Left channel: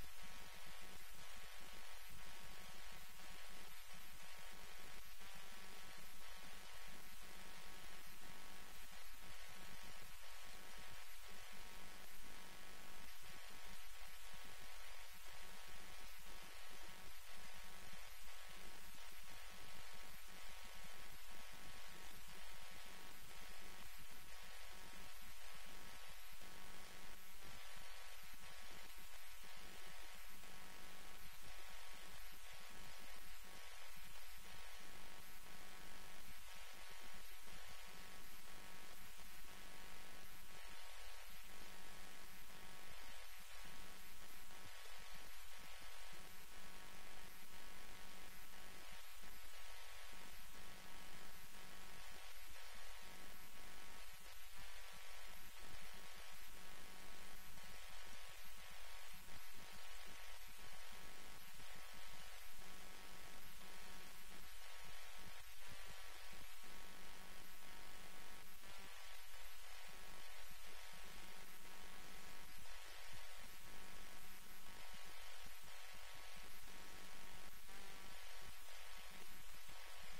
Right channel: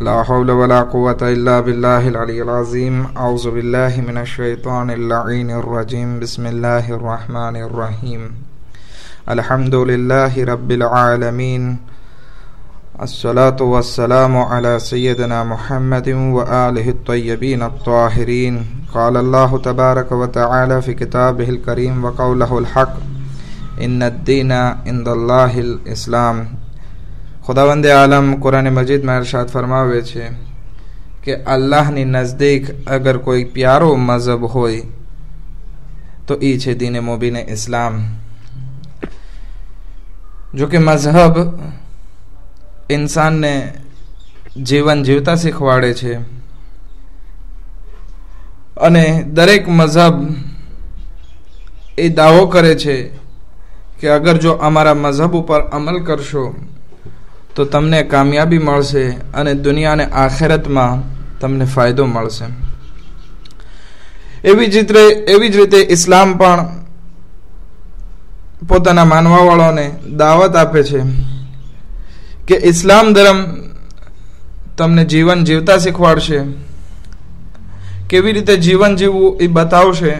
ला हौल वला कुव्वता इल्ला बिल्लाहिल अलिय्यिल अज़ीम। औज़ु बिल्लाहि मिनश शैतानिर लईनिर रजीम। बिस्मिल्लाहिर रहमानिर रहीम। अल्हम्दुलिल्लाहि रब्बिल आलमीन। अस्सलातु वस्सलामु अला सय्यिदिना मुहम्मदिन व आलिहि त्तय्यबीन अत्ताहिरीन। क़ाल अल्लाहु तबारक व तआला फ़ी किताबिहिल करीम व क़ौलुहुल हक़ इन्नद्दीना इंदल्लाहिल इस्लाम। खुदावंद आलम कुरान मजीद में इरशाद फरमावे छे कि अल्लाहनी नज़दीक अगर कोई प्यारो मजहब होय तो ई छे दीन मुबीन इस्लाम। जो कि मजहब इंसान ने जीवन जीवता शीखवाड़े छे अने दरेक मजहब ए दावो करे छे कि अगर जो अमारा मजहब ऊपर अमल करशो तो तमने कामयाबी मळशे अने दुनिया ने आखिरत में तमने फायदो मळशे। एवी ज रीते इस्लाम पण पोताना मानवावाळोने दावत आपे छे कि इस्लाम धर्म तमने जीवन जीवता शीखवाडशे, केवी रीते जीवन जीववुं ए बतावशे।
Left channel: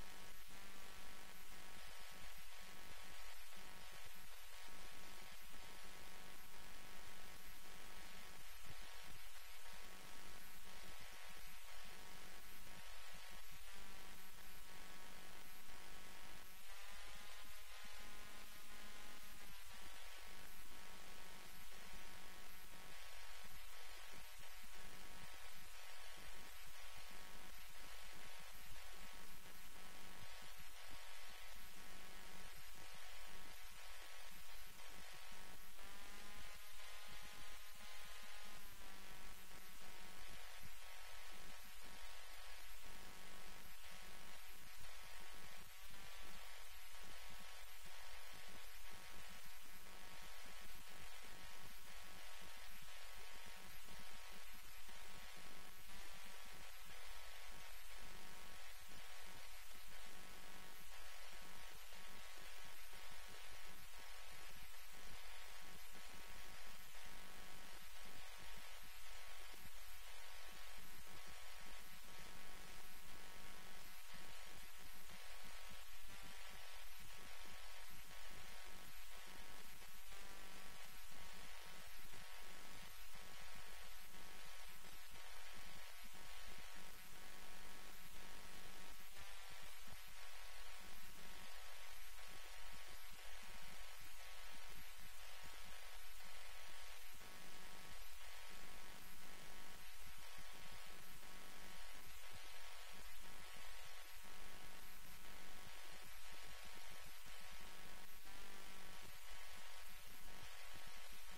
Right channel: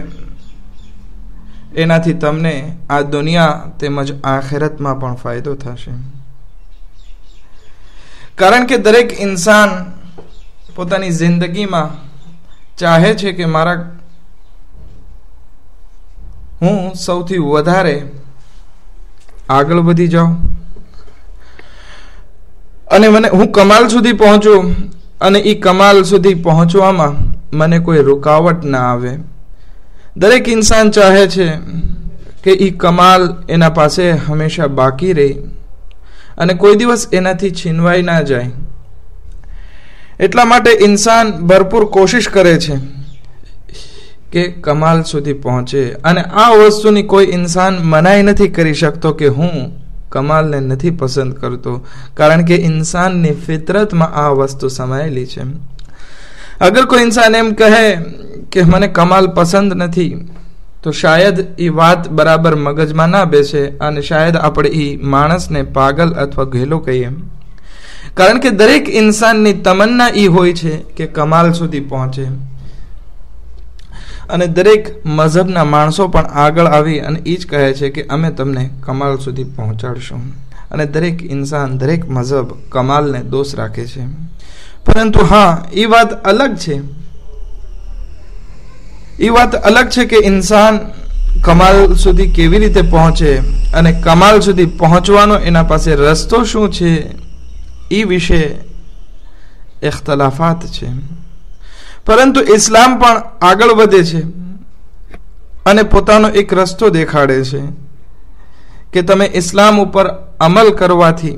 एनाथी तमने आ दुनिया तेमज आखिरत में पण फायदो थशे। कारण के दरेक इंसान पोतानी जिंदगी में चाहे छे कि मारा हूँ सौथी वधारे आगळ वधी जाऊं अने मने हूँ कमाल सुधी पहोंचू अने ई कमाल सुधी पहोंचवामां मने कोई रुकावट ना आवे। दरेक इंसान चाहे छे कि ई कमाल एना पासे हमेशा बाकी रहे अने कोई दिवस एनाथी छीनवाई ना जाए। एटला माटे इंसान भरपूर कोशिश करे छे कि कमाल सुधी पहोंचे अने आ वस्तुनी कोई इंसान मनाई नथी करी शकतो कि हूँ कमाल ने नथी पसंद करतो, कारण के इंसान ने फितरत में आ वस्तु समायेली छे। अगर कोई इंसान एम कहे कि मने कमाल पसंद नथी तो शायद ई बात बराबर मगज में ना बेसे अने शायद आपणे ई माणस ने पागल अथवा घेलो कहीए। कारण के दरेक इंसान नी तमन्ना ई होय छे कि कमाल सुधी पहोंचे अने दरेक मजहबना माणसो पण आगळ आवी अने ई ज कहे छे कि अमे तमने कमाल सुधी पहोंचाडशुं। अने दरेक इंसान दरेक मजहब कमाल ने दोष राखे छे। परंतु हाँ, ई बात अलग छे, ई बात अलग छे कि इंसान कमाल सुधी केवी रीते पहोंचे अने कमाल सुधी पहोंचवानो एना पासे रस्तो शुं छे ई विषे इख्तलाफात छे। परंतु इस्लाम पण आगळ वधे छे अने पोतानो एक रस्तो देखाडे छे कि तमे इस्लाम उपर अमल करवाथी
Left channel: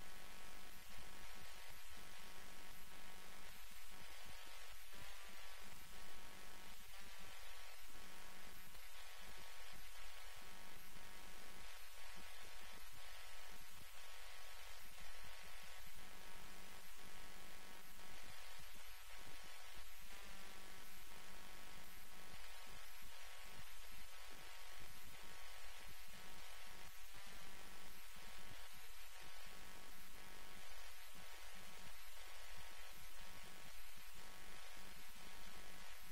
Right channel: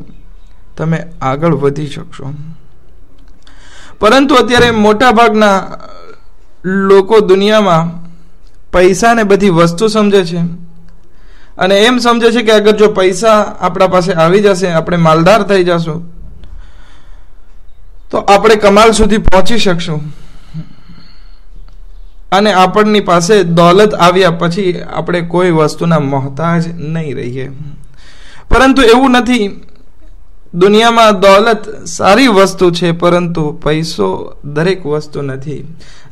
तमे आगळ वधी शकशो। परंतु अत्यारे मोटा भागना लोको दुनिया में पैसा ने बधी वस्तु समझे छे अने एम समझे छे कि अगर जो पैसा आपड़ा पासे आवी जशे, आपणे मालदार थई जशुं तो आपणे कमाल सुधी पहोंची शकशुं अने आपणी पासे दौलत आव्या पछी आपणे कोई वस्तुना मोहताज नहीं रहीए। परंतु एवुं नथी। दुनिया में दौलत सारी वस्तु छे परंतु पैसो दरेक वस्तु नथी।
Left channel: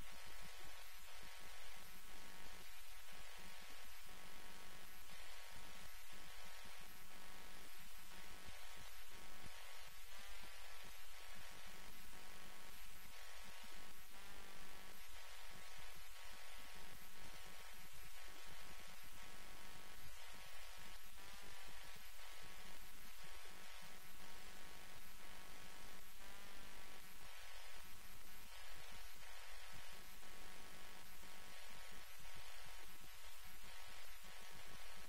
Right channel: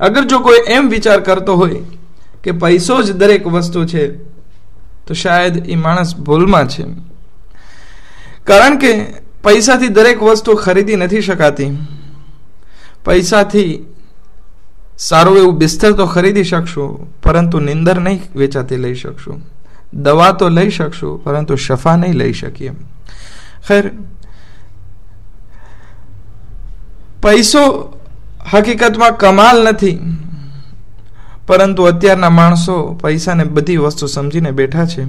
अगर जो कोई एम विचार करतो होय कि पैसो ज दरेक वस्तु छे तो शायद ई माणस भूल में छे। कारण के पैसा थी दरेक वस्तु खरीदी नथी शकाती। पैसा थी सारू एवं बिस्तर तो खरीदी शकशो परंतु निंदर नहीं वेचाती लई शकशो। दवा तो लई शकशो परंतु शफा नहीं लई शकीए। खैर, पैसो हकीकत में कमाल नहीं, परंतु अत्यारना माणसो पैसा ने बधी वस्तु समझीने बैठा छे।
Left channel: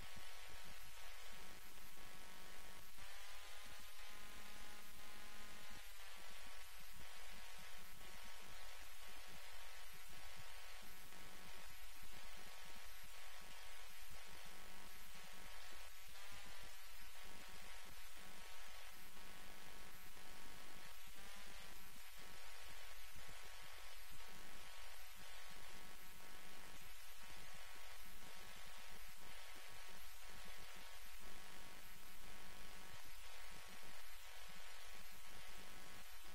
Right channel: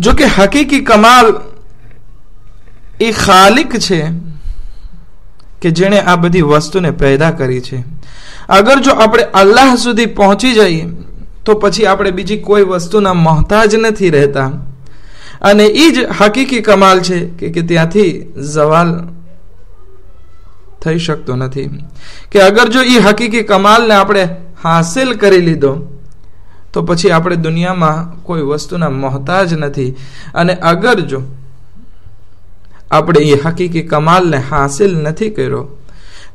जो कि हकीकी कमाल ए खालिक छे कि जेने आ बधी वस्तु ने पैदा करी छे। अगर जो आपणे अल्लाह सुधी पहोंची जाइए तो पछी आपणे बीजी कोई वस्तुना मोहताज नहीं रहता अने ई ज हकीकी कमाल छे कि त्यांथी जवाल थई शकतो नथी। कि अगर जो ई हकीकी कमाल ने आपणे हासिल करी लीधो तो पछी आपणे दुनिया में कोई वस्तुना मोहताज नहीं। अने अगर जो આપણે એ હકીકી કમાલને હાસિલ નથી કર્યો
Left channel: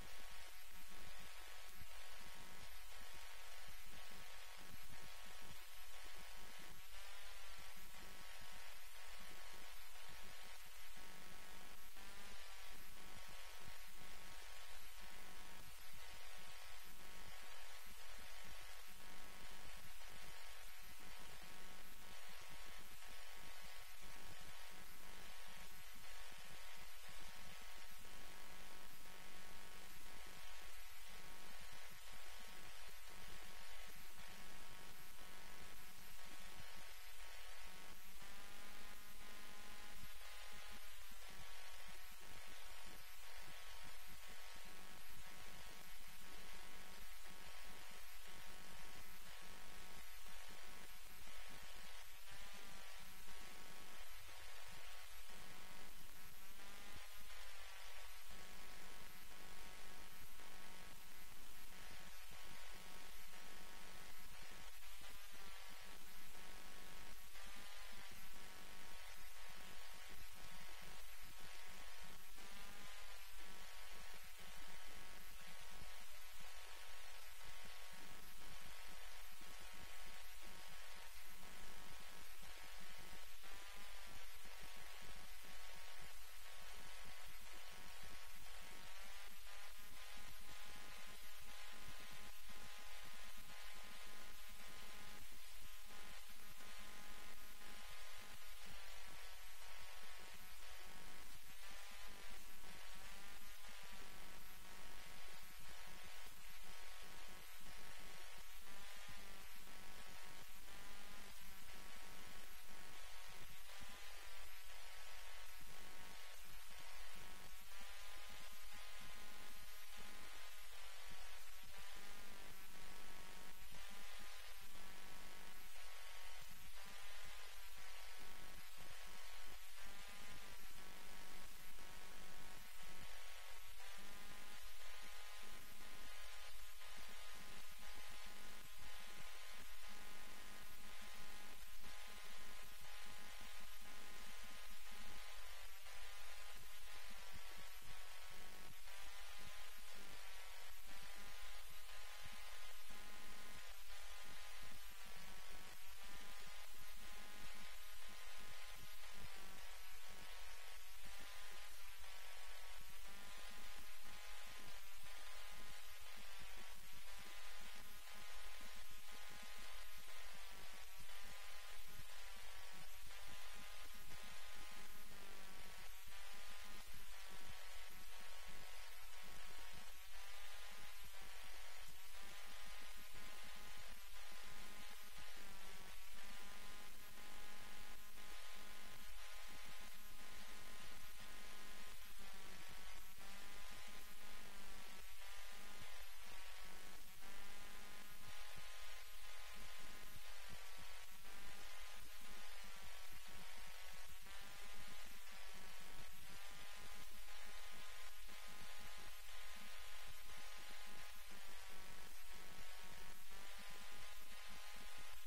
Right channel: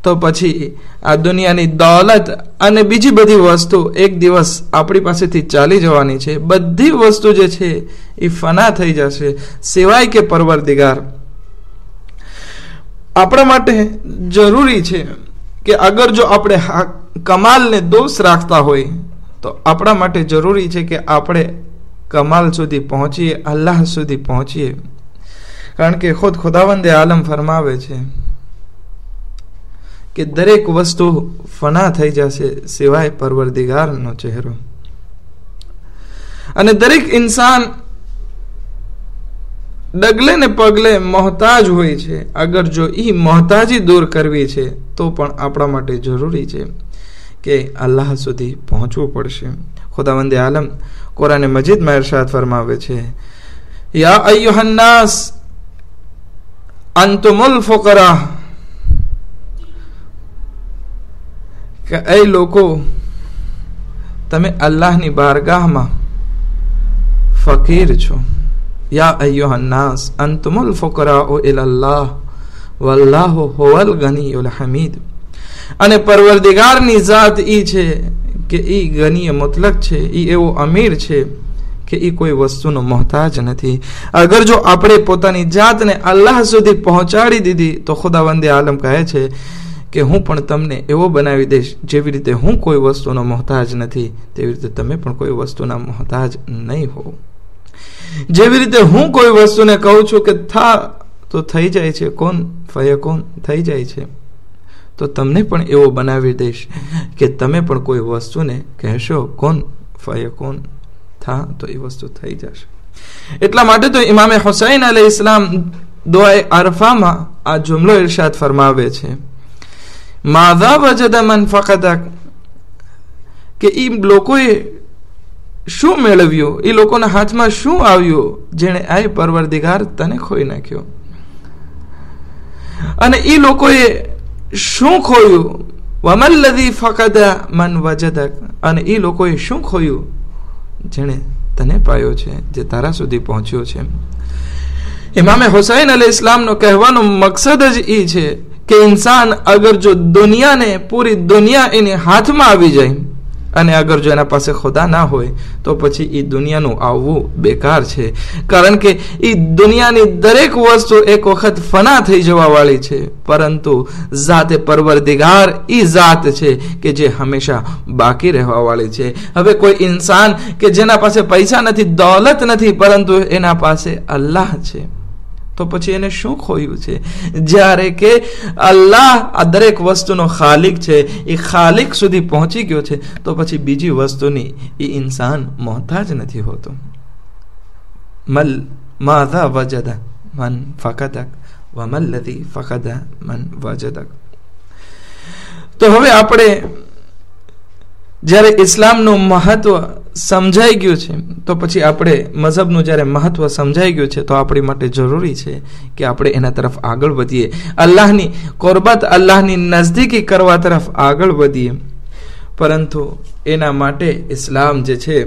તો પછી આ દુનિયાની દોલત અને બીજી બધી વસ્તુ એક દિવસ આપણી પાસેથી ચાલી જવાની છે. બધી વસ્તુ જે છે એ ફના થઈ જશે, સિવાય કે પરવરદિગાર. આપણા માટે જરૂરી છે કે અગર જો આપણે કમાલને દોષ રાખતા હોય તો આપણા માટે જરૂરી છે કે આપણે કમાલ સુધી પહોંચીએ, અલ્લાહ સુધી પહોંચીએ. કારણ કે ખુદાવંદે આલમ ફરમાવે છે કે દરેક વસ્તુ ફના થઈ જશે સિવાય પરવરદિગારનો ચહેરો. અને દરેક ઇન્સાન ડગલે ને પગલે મોહતાજ હોય છે. અગર જો એ મોહતાજી દૂર કરવી છે તો પણ આપણા માટે જરૂરી છે કે અલ્લાહ સુધી પહોંચવું પડશે. ખુદાવંદે આલમ કુરાન મજીદમાં ઇરશાદ ફરમાવે છે, યા અય્યુહન નાસ અંતુમુલ ફુકરા, કે એ લોકો તમે અલ્લાહની બારગાહમાં ફકીર છો. યા અય્યુહન નાસ અંતુમુલ ફુકરાઉ ઇલલ્લાહ વલ્લાહુ હુવલ ગનીયુલ હમીદ. અને પરવરદિગારની ઝાત ઈ છે કે ઈ ગનીય મુતલક છે, ઈ એવો અમીર છે કે ઈ કોઈ વસ્તુનો મોહતાજ નથી. અગર જો આપણે પોતાની જાતને અલ્લાહ સુધી પહોંચાડી દીધી તો ખુદાવંદે આલમ કહે છે કે હું પણ તમને એવો બનાવી દઈશ જેવી રીતે હું કોઈ વસ્તુનો મોહતાજ નથી તેવી રીતે તમે પણ કોઈ વસ્તુના મોહતાજ નહીં હો. જેવી રીતે હું કોઈ વસ્તુને કહું છું કે થા તો થઈ જાય છે, કોન ફયકોન થઈ જાય છે, તો તમને પણ એવો બનાવી દઈશ કે તમે પણ કોઈ વસ્તુને કહેશો કોન ફયકોન, થા તો એ વસ્તુ થઈ જશે. એટલા માટે તો ઇમામે હુસૈન અલૈહિ ઇસ્લામ દુઆએ અરફામાં આ જુમલો ઇરશાદ ફરમાવે છે, માઝા વજદ મન ફકદક, કે ઈ લોકોએ શું મેળવ્યું, એ લોકોના હાથમાં શું આવ્યું જેણે આ પરવરદિગાર તને ખોઈ નાખ્યો. અને એ લોકોએ શું ખોયું, વમલ્લઝી ફકદા મન વજદક, અને એ લોકોએ શું ખોયું જેણે તને પાયો છે, જે તારા સુધી પહોંચ્યો છે. ઇમામે હુસૈન અલૈહિ ઇસ્લામનો કહેવાનો મકસદ જ એ છે કે ઇન્સાન અગર જો દુનિયાને, પૂરી દુનિયા એની હાથમાં આવી જાય અને અગર જો એના પાસે ખુદા ના હોય તો પછી એ દુનિયાનું આવવું બેકાર છે. કારણ કે એ દુનિયાની દરેક વસ્તુ એક વખત ફના થઈ જવા વાળી છે, પરંતુ ઝાતે પરવરદિગાર એ ઝાત છે કે જે હંમેશા બાકી રહેવા વાળી છે. હવે કોઈ ઇન્સાન કે જેના પાસે પૈસા નથી, દોલત નથી, પરંતુ એના પાસે અલ્લાહ છે, તો પછી એને શું ખોયું છે? જ્યારે કે અલ્લાહ આ દરેક વસ્તુનો ખાલિક છે, એ ખાલિક સુધી પહોંચી ગયો છે, તો પછી બીજી વસ્તુની એ ઇન્સાન મોહતાજ નથી હોતો. મલ માઝા વજદા મન ફકદક વમલ્લઝી ફકદા મન વજદક. તો હવે આપણે જ્યારે ઇસ્લામનું મહત્વ સમજાઈ ગયું છે તો પછી આપણે મઝહબનું જ્યારે મહત્વ સમજાઈ ગયું છે તો આપણી માટે જરૂરી છે કે આપણે એના તરફ આગળ વધીએ, અલ્લાહની કુરબત, અલ્લાહની નજદીકી કરવા તરફ આગળ વધીએ. પરંતુ એના માટે ઇસ્લામ જે છે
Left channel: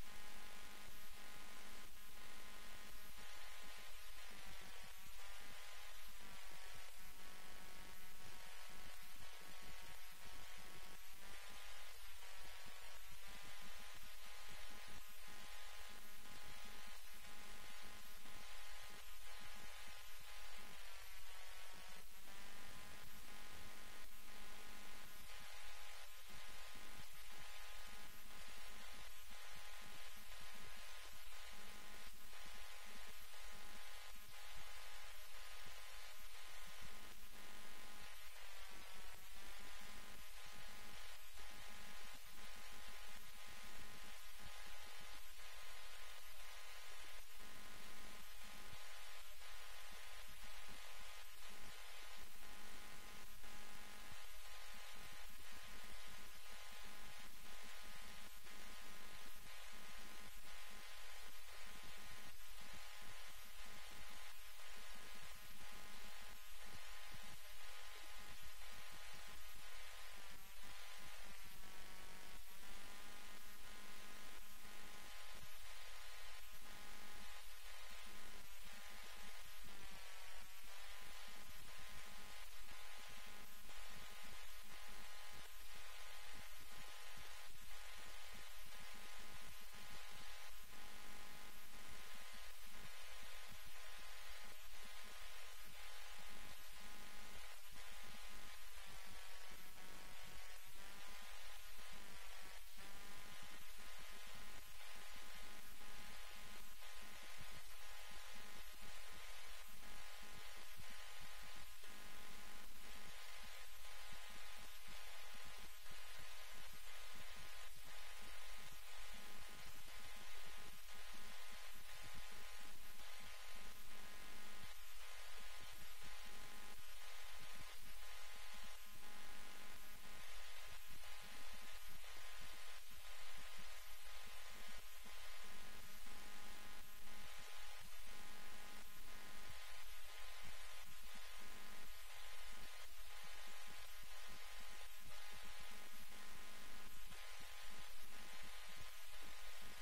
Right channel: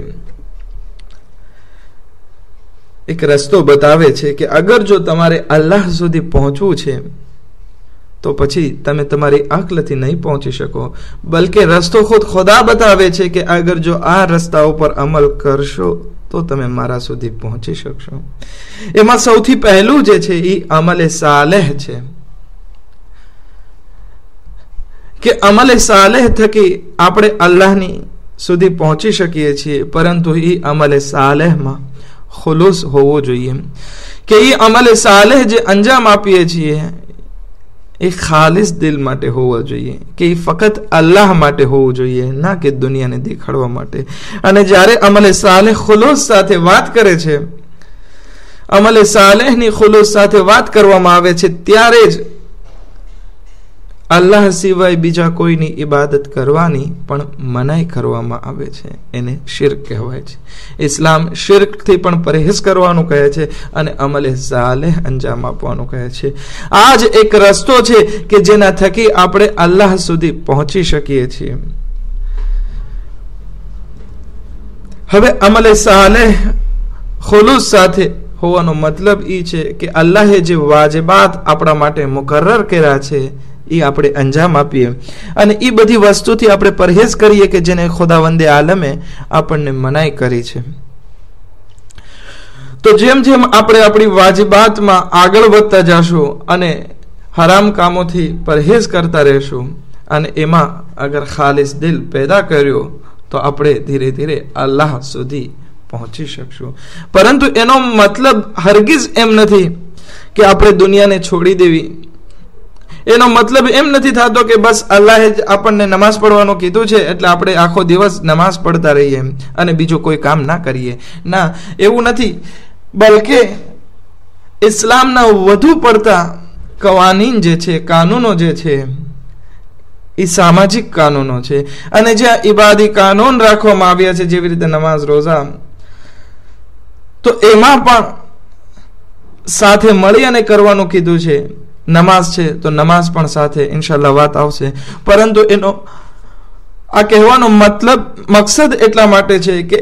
એક રસ્તો બતાવે છે કે અગર જો તમારે અલ્લાહ સુધી પહોંચવું છે તો પછી તમે તમારી અક્લથી નહીં પહોંચી શકો, બલકે રસ્તો ખુદ ખુદા બતાવે છે કે અગર જો આ રસ્તા ઉપર અમલ કરશો તો તમે મારા સુધી પહોંચી શકશો. એમાં સૌથી પહેલું જે છે એ અમલે સાલેહ છે કે અમલે સાલેહ થકી આપણે અલ્લાહની સુધી પહોંચી શકીએ છીએ, પરંતુ એ અમલે સાલેહમાં ખુલુસ હોવો જોઈએ કે એ અમલે સાલેહ જે અંજામ આપીએ છીએ એ ખાલિસ દિલ માટે હોવો જોઈએ, કે એ ફક્ત અલ્લાહ માટે હોવું જોઈએ, ના કે દુનિયાને દેખાડવા માટે. અને જ્યારે અમલે સાલેહ ખુલુસ સાથે વાત કરે છે, અમલે સાલેહની ખુલુસ સાથે વાત કરવામાં આવે છે, ત્યારે જ અલ્લાહ સિવાય બીજા કોઈની ઇબાદત કરવાની પણ મનાઈ કરવામાં આવે છે. એને શિર્ક કહેવાય છે. ઇસ્લામ શિર્કથી પણ પરેહેઝ કરવાનું કહે છે અને અમલે સાલેહ અંજામ આપવાનું કહે છે. આ જ એક રસ્તો છે કે જેના થકી આપણે અલ્લાહ સુધી પહોંચી શકીએ છીએ. હવે અમલે સાલેહ ખુલુસ સાથે હોવાનો મતલબ એ છે કે અલ્લાહે જે વાજિબાત આપણા માટે મુકર્રર કર્યા છે એ આપણે અંજામ આપીએ અને એ બધી વસ્તુથી આપણે પરહેજ કરીએ કે જેને ખુદાવંદે આલમે આપણને મનાઈ કરી છે. તો જેમ જેમ આપણે આપણી વાજિબાતમાં આગળ વધતા જશું અને હરામ કામોથી પરહેજ કરતા રહેશું અને એમાં અગર ખાલિસ દિલ પેદા કર્યો તો આપણે ધીરે ધીરે અલ્લાહ સુધી પહોંચી શકશું. પરંતુ એનો મતલબ હરગીઝ એમ નથી કે આપણે દુનિયાને છોડી દેવી. એનો મતલબ એમ નથી થતો કે બસ અલ્લાહે જ આપણને નમાઝ પડવાનું કીધું છે એટલે આપણે આખો દિવસ નમાઝ પડતા રહીએ અને બીજું કોઈ કામ ના કરીએ. ના, એવું નથી. બલકે ઇસ્લામના વધુ પડતા કવાનીન જે છે, કાનૂનો જે છે, એ સામાજિક કાનૂનો છે અને જ્યાં ઇબાદી કાનૂન રાખવામાં આવ્યા છે, જેવી રીતે નમાઝ, રોઝા, તો એમાં પણ સાથે મળી અને કરવાનું કીધું છે. નમાઝ છે તો નમાઝ પણ સાથે, ઇન્શાલ્લાહ વાત આવશે. પરંતુ એનો આ કહેવાનો મકસદ એટલા માટે છે કે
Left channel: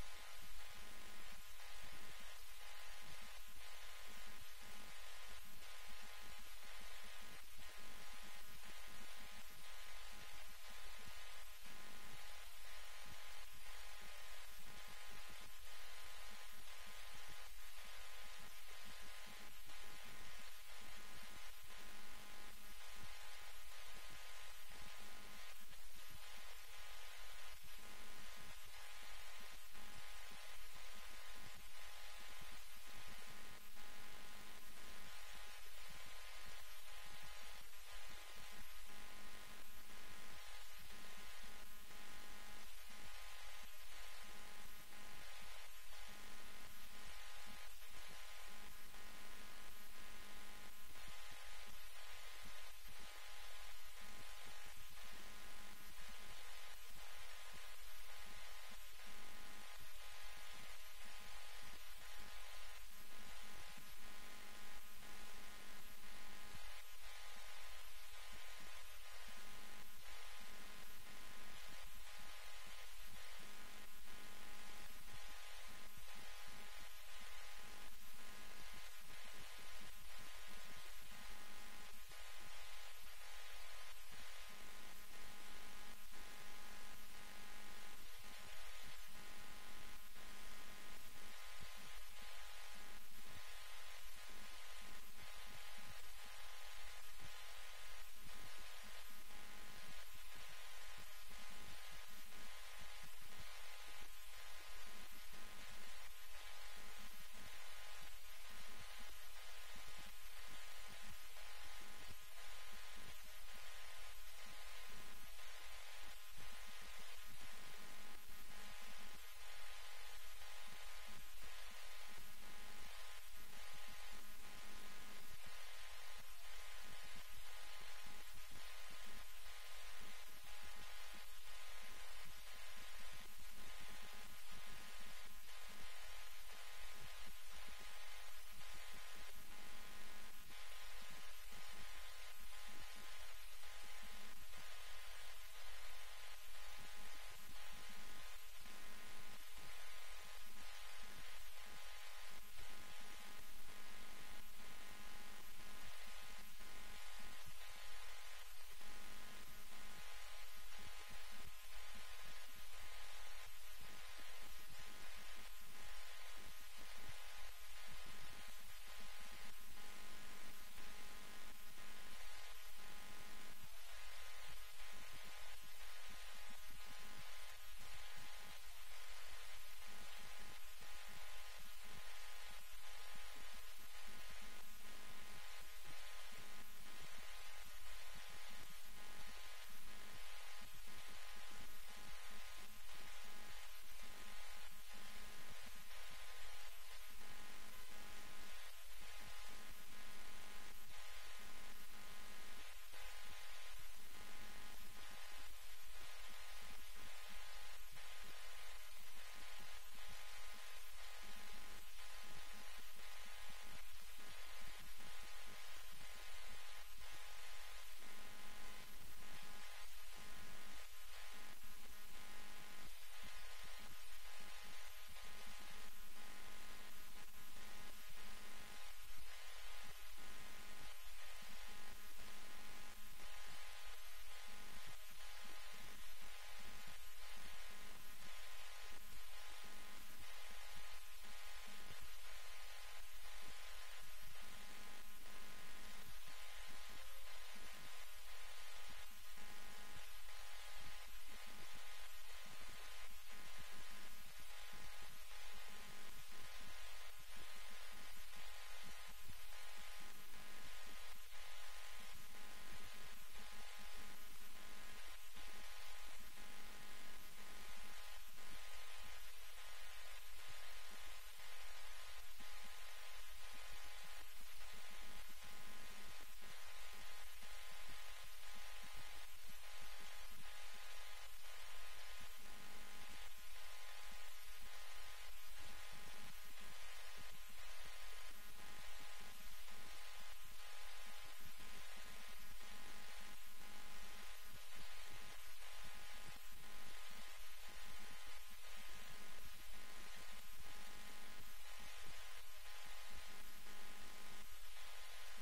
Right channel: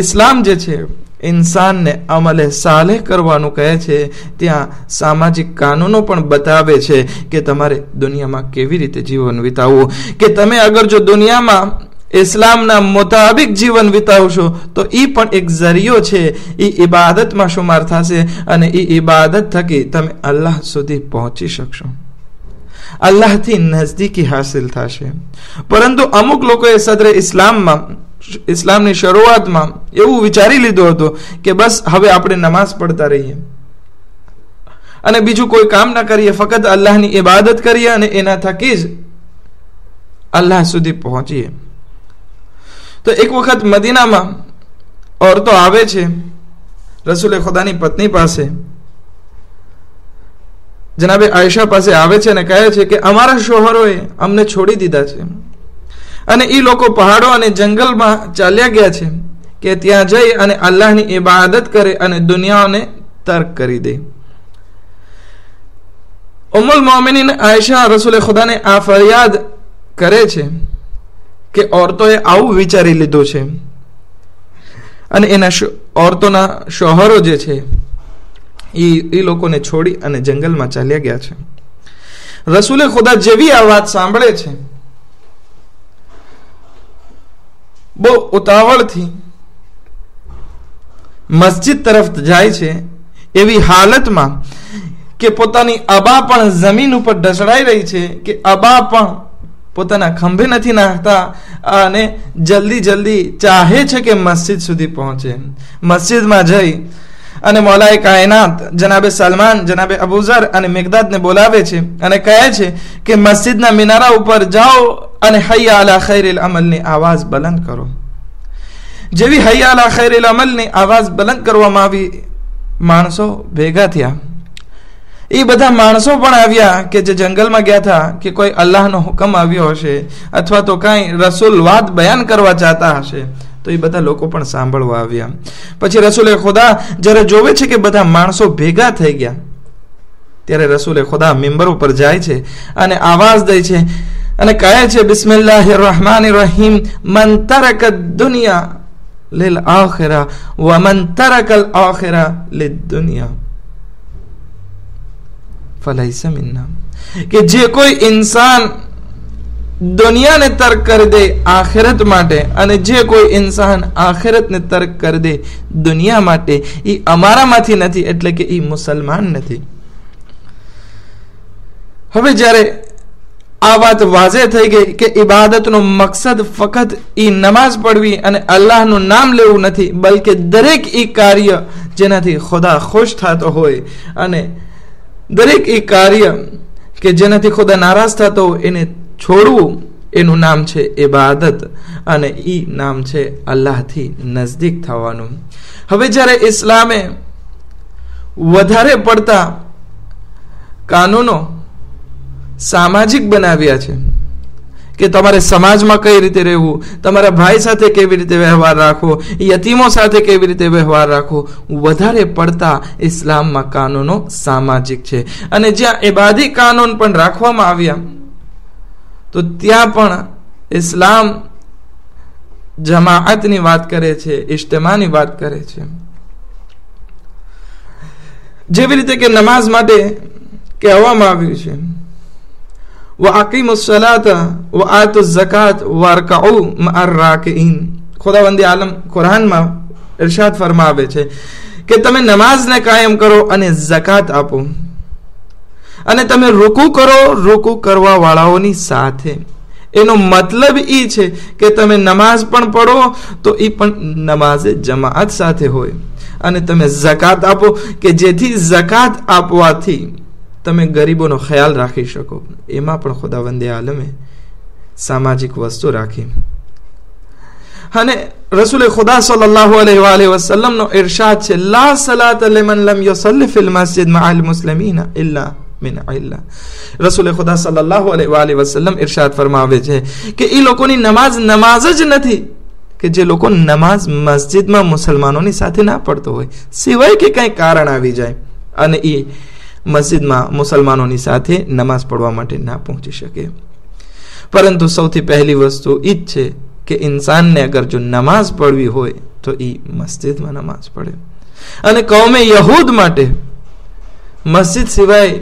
ઇસ્લામ જે છે ઇન્સાનને અમલે સાલેહ કરવાનું કહે છે. ત્યાં સામાજિક કાનૂનો પણ બતાવે છે કે તમારે દુનિયામાં કેવી રીતે જીવન વિતાવવું. કે તમે અગર જો દુનિયામાં ઇસ્લામના મુતાબિક જીવન વિતાવશો તો એ પણ એક જરિયો છે, એ ઇબાદતમાં શુમાર થશે અને એ ઇબાદત થકી તમે અલ્લાહ સુધી પહોંચી શકશો, અલ્લાહથી નજદીકી હાસિલ થશે. પરંતુ અમુક લોકોએ સદરે ઇસ્લામની શરૂઆતમાં એવું વિચારી લીધું હતું કે બસ હવે આપણે નમાઝ પડતા રહીએ અને બીજું કોઈ કામ ના કરીએ, ફક્ત અલ્લાહની ઇબાદત કરીએ અને એના થકી જ અલ્લાહ સુધી પહોંચીએ. તો એક વખત મદીનામાં औरतो આવે છે રસૂલે ખુદાની પત્ની પાસે, જનાબે આયશા પાસે આવે છે અને કહે છે કે અમારા શોહરોએ અમને છોડી દીધા છે અને એ લોકો પહાડો અને જંગલમાં ચાલ્યા ગયા છે કે ત્યાં જઈ અને અલ્લાહની ઇબાદત કરે અને દુનિયાને તર્ક કરી દે. ઉમ્મુલ મોમિનીન આયશા રસૂલે ખુદાને આ ફરિયાદ કરે છે કે औरतोએ આવું વિચારી લીધું છે અને એના औरतोના શોહરો જે છે એ લોકોને છોડી અને જંગલમાં ચાલ્યા ગયા છે. રસૂલે ખુદા જેવી આ વાત સાંભળે છે, બહુ ઉતાવળથી મસ્જિદ તરફ જાય છે, એવી હાલતમાં કે પોતાની અબા પણ જમીન ઉપર ઢસડાઈ રહી છે, કે અબા પણ પોતાના ખંભે નથી નાખતા અને જલ્દી જલ્દી ચાહે છે કે મસ્જિદ સુધી પહોંચે. મસ્જિદમાં જઈ અને મૌલાએ કાયનાત જનાબે સલમાન, જનાબે અબુઝર અને મિકદાદને બોલાવે છે અને કહે છે કે મસ્જિદના મિનારા ઉપર જાઓ અને હૈયા અલા ખૈરિલ અમલની આવાજ બલંદ કરો. જેવી હૈયા અલા ખૈરિલ અમલની આવાજ બલંદ કરવામાં આવી, માણસો ભેગા થયા. એ બધા માણસો પણ આવ્યા કે જે જંગલમાં ગયા હતા, કે કોઈ અલ્લાહનો હુકમ આવ્યો હશે અથવા તો કાંઈ રસૂલ વાત બયાન કરવા ચાહતા હશે, તો એ બધા લોકો પણ સાંભળવા આવ્યા. પછી રસૂલે ખુદા જ્યારે જોવે છે કે બધા માણસો ભેગા થઈ ગયા, ત્યારે રસૂલે ખુદા મિંબર ઉપર જાય છે અને આવાજ દે છે અને કહે છે બિસ્મિલ્લાહિર રહમાનિર રહીમ, મન તરક દુનિયા લીલ આખિરા વ મન તરકલ આખિરા લીદ દુનિયા ફલૈસા મિન્ના. કે જે કોઈ ઇન્સાન દુનિયાને તર્ક કરી દે આખિરત માટે અને જે કોઈ ઇન્સાન આખિરતને તર્ક કરી દે દુનિયા માટે, એ અમારામાંથી નથી, એટલે કે એ મુસલમાન નથી. હવે જ્યારે આ વાત વાઝે થઈ ગઈ કે ઇબાદતનો મકસદ ફક્ત એ નમાઝ પડવી અને અલ્લાહનું નામ લેવું નથી, બલકે દરેક એ કાર્ય જેનાથી ખુદા ખુશ થતો હોય અને દરેક એ કાર્ય કે જેનાથી ખુદા નારાજ થતો હોય એને છોડવું, એનું નામ છે ઇબાદત અને એ નામ છે અલ્લાહથી નજદીક થવાનું. હવે જ્યારે ઇસ્લામે વધારે પડતા કાનૂનો સામાજિક બનાવ્યા છે કે તમારે સમાજમાં કઈ રીતે રહેવું, તમારા ભાઈ સાથે કેવી રીતે વ્યવહાર રાખવો, યતીમો સાથે કેવી રીતે વ્યવહાર રાખવો, વધારે પડતા ઇસ્લામમાં કાનૂનો સામાજિક છે. અને જ્યાં ઇબાદી કાનૂન પણ રાખવામાં આવ્યા તો ત્યાં પણ ઇસ્લામ જમાઅતની વાત કરે છે, ઇજ્તિમાની વાત કરે છે. જેવી રીતે કે નમાઝ માટે કહેવામાં આવ્યું છે वअकीमुस सलात वआतुज़ ज़कात वरकऊ मअर राकिईन। खुदावंद आलम कुरान में इरशाद फरमावे छे કે તમે નમાઝને કાયમ કરો અને ઝકાત આપો અને તમે રૂકુ કરો રૂકુ કરવા વાળાઓની સાથે। એનો મતલબ એ છે કે તમે નમાઝ પણ પઢો તો એ પણ નમાઝે જમાઅત સાથે હોય અને તમે ઝકાત આપો કે જેથી ઝકાત આપવાથી તમે ગરીબોનો ખ્યાલ રાખી શકો। એમાં પણ ખુદાવંદે આલમે સામાજિક વસ્તુ રાખી। અને રસૂલે ખુદા સલ્લલ્લાહુ અલૈહિ વસલ્લમ નો ઇરશાદ છે લા સલાત લિમન લમ યુસલ્લી ફિલ મસ્જિદ મઅલ મુસ્લિમીન ઇલ્લા મિન ઇલ્લા। રસૂલે ખુદા સલ્લલ્લાહુ અલૈહિ વસલ્લમ ઇરશાદ ફરમાવે છે કે એ લોકોની નમાઝ જ નથી કે જે લોકો નમાઝ મસ્જિદમાં મુસલમાનોની સાથે ના પડતો હોય, સિવાય કે કંઈ કારણ આવી જાય અને એ મસ્જિદમાં મુસલમાનોની સાથે નમાઝ પઢવા માટે ના પહોંચી શકે। પરંતુ સૌથી પહેલી વસ્તુ એ જ છે કે ઇન્સાનને અગર જો નમાઝ પઢવી હોય તો એ મસ્જિદમાં નમાઝ પઢે। અને કૌમે યહૂદ માટે મસ્જિદ સિવાય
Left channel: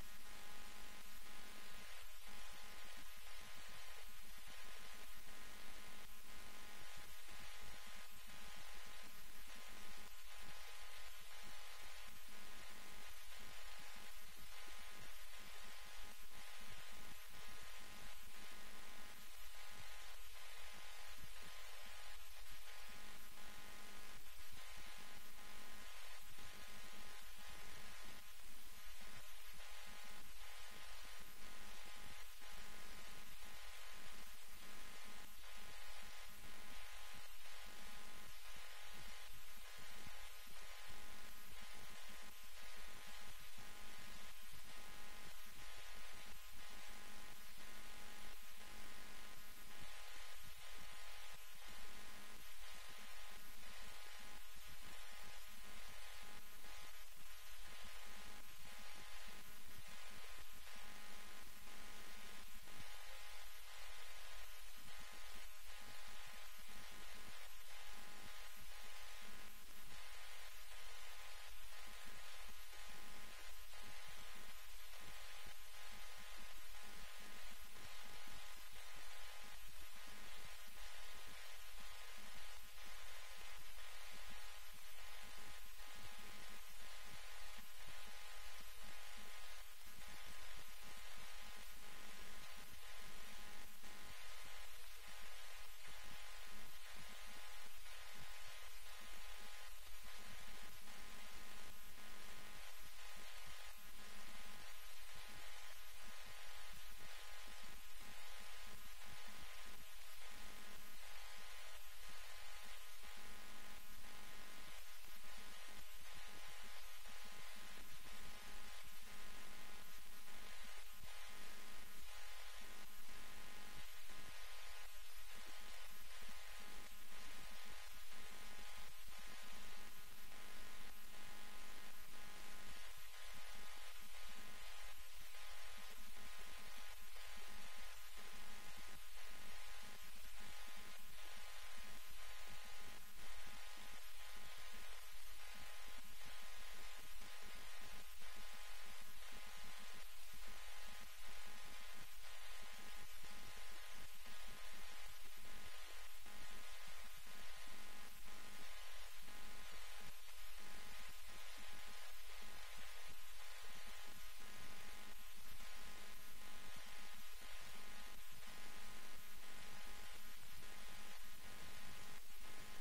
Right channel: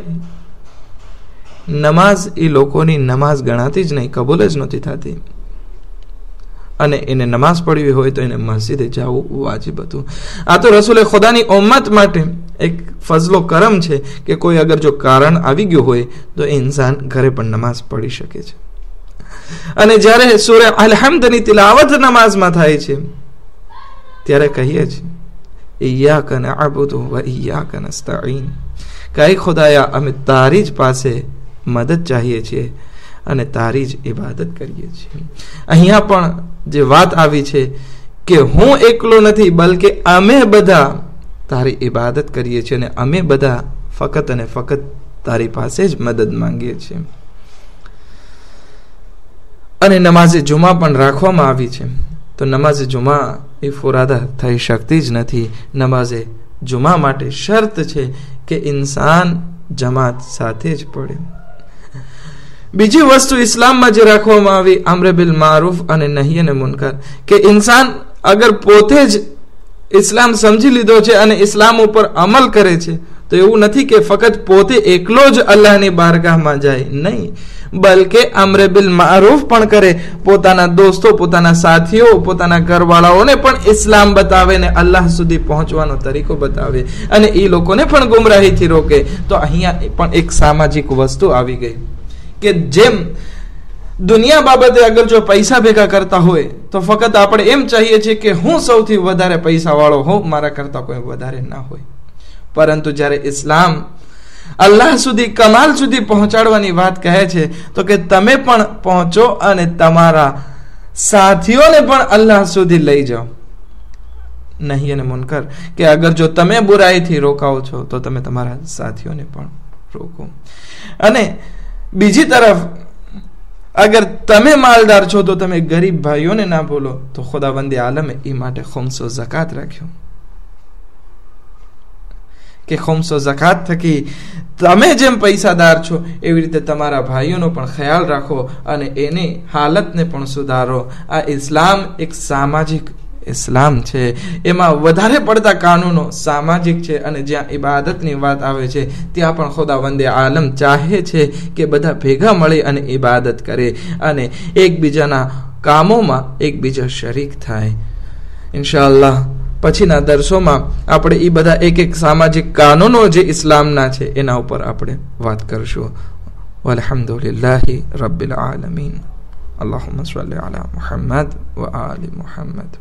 નમાઝ એ લોકોની નમાઝ ગણાતી જ નહીં, કબૂલ જ નહોતી થતી અને એને નમાઝ પઢવી હોય તો એને મસ્જિદે જવું વાજિબ હતું। આ તો રસૂલે ખુદાની ઉમ્મત માટે એક ફઝલો કરમ છે કે કોઈ અગર જો કારણ આવી ગયું હોય તો ઇન્સાન ઘરે પણ નમાઝ પઢી શકે છે। અને જ્યારે સૂરે અલ-હમ્દની તિલાવત નમાઝમાં થાય છે ત્યારે કહીએ છીએ ઇય્યાકા નઅબુદુ વ ઇય્યાકા નસ્તઈન, કઈ ખુદાયા અમે તારી જ પાસે મદદ ચાહીએ છીએ અને તારી જ ઇબાદત કરીએ છીએ। અહીંયા પણ જે વાત આવી છે કે હું એકલો નથી બલકે અમે બધા તારી ઇબાદત કરીએ છીએ અને અમે બધા ફકત અને ફકત તારી પાસે જ મદદ માંગીએ છીએ। અને નમાઝે જુમા પણ રાખવામાં આવી છે તો નમાઝે જુમા એ ફુરાદા થઈ શકતી જ નથી। નમાઝે જુમા માટે શરત છે કે ઇન્સાન જમાત સાથે જ પડે। બીજી વસ્તુ ઇસ્લામમાં જે રાખવામાં આવી અમ્ર બિલ મારૂફ અને નહી અને મુનકર, કે ઇન્સાન અગર પોતે જ ઇસ્લામ સમજી લીધો છે અને ઇસ્લામ ઉપર અમલ કરે છે તો એવું નથી કે ફક્ત પોતે એકલો જ અલ્લાહની બારગાહમાં જાય, નહીં, બલકે અમ્ર બિલ મારૂફ પણ કરે, પોતાના દોસ્તો, પોતાના સાથીઓ, પોતાના ઘરવાળાઓને પણ ઇસ્લામ બતાવે ને અલ્લાહ સુધી પહોંચવાનો તરીકો બતાવે અને એ લોકોને પણ ગુમરાહીથી રોકે। તો અહીંયા પણ એક સામાજિક વસ્તુ આવી ગઈ કે જેમ દુનિયા બાબતે અગર જો પૈસા ભેગા કરતા હોય તો ફક્ત આપણે એમ ચાહીએ છીએ કે હું સૌથી વધારે પૈસા વાળો હોઉં, મારા કરતા કોઈ વધારે ના હોય। પરંતુ જ્યારે ઇસ્લામ અલ્લાહ સુધી, કમાલ સુધી પહોંચાડવાની વાત કહે છે તો કે તમે પણ પહોંચો અને તમારા સાથીઓને પણ અલ્લાહ સુધી લઈ જાઓ। નહીં અને મુનકર, કે અગર જો તમે બુરાઈથી રોકાઓ છો તો તમે તમારા સાથીઓને પણ રોકો। અને બીજી તરફ અગર તમે માલદાર છો તો તમે ગરીબ ભાઈઓને ના બોલો। તો ખુદાવંદે આલમે એ માટે ખુમ્સો ઝકાત રાખ્યો કે ખુમ્સો ઝકાત થકી તમે જેમ પૈસાદાર છો એવી રીતે તમારા ભાઈઓનો પણ ખ્યાલ રાખો અને એની હાલતને પણ સુધારો। આ ઇસ્લામ એક સામાજિક ઇસ્લામ છે, એમાં વધારે પડતા કાનૂનો સામાજિક છે અને જ્યાં ઇબાદતની વાત આવે છે ત્યાં પણ ખુદાવંદે આલમ ચાહે છે કે બધા ભેગા મળી અને ઇબાદત કરે અને એકબીજાના કામોમાં એકબીજા શરીક થાય। ઇન્શાઅલ્લાહ પછીના દર્શોમાં આપણે એ બધા એક એક સામાજિક કાનૂનો જે ઇસ્લામના છે એના ઉપર આપણે વાત કરશું। વલ્હમ્દુલિલ્લાહી રબ્બિલ આલમીન। અલ્લાહુમ્મા સલ્લી અલા મુહમ્મદ વ આલિ મુહમ્મદ।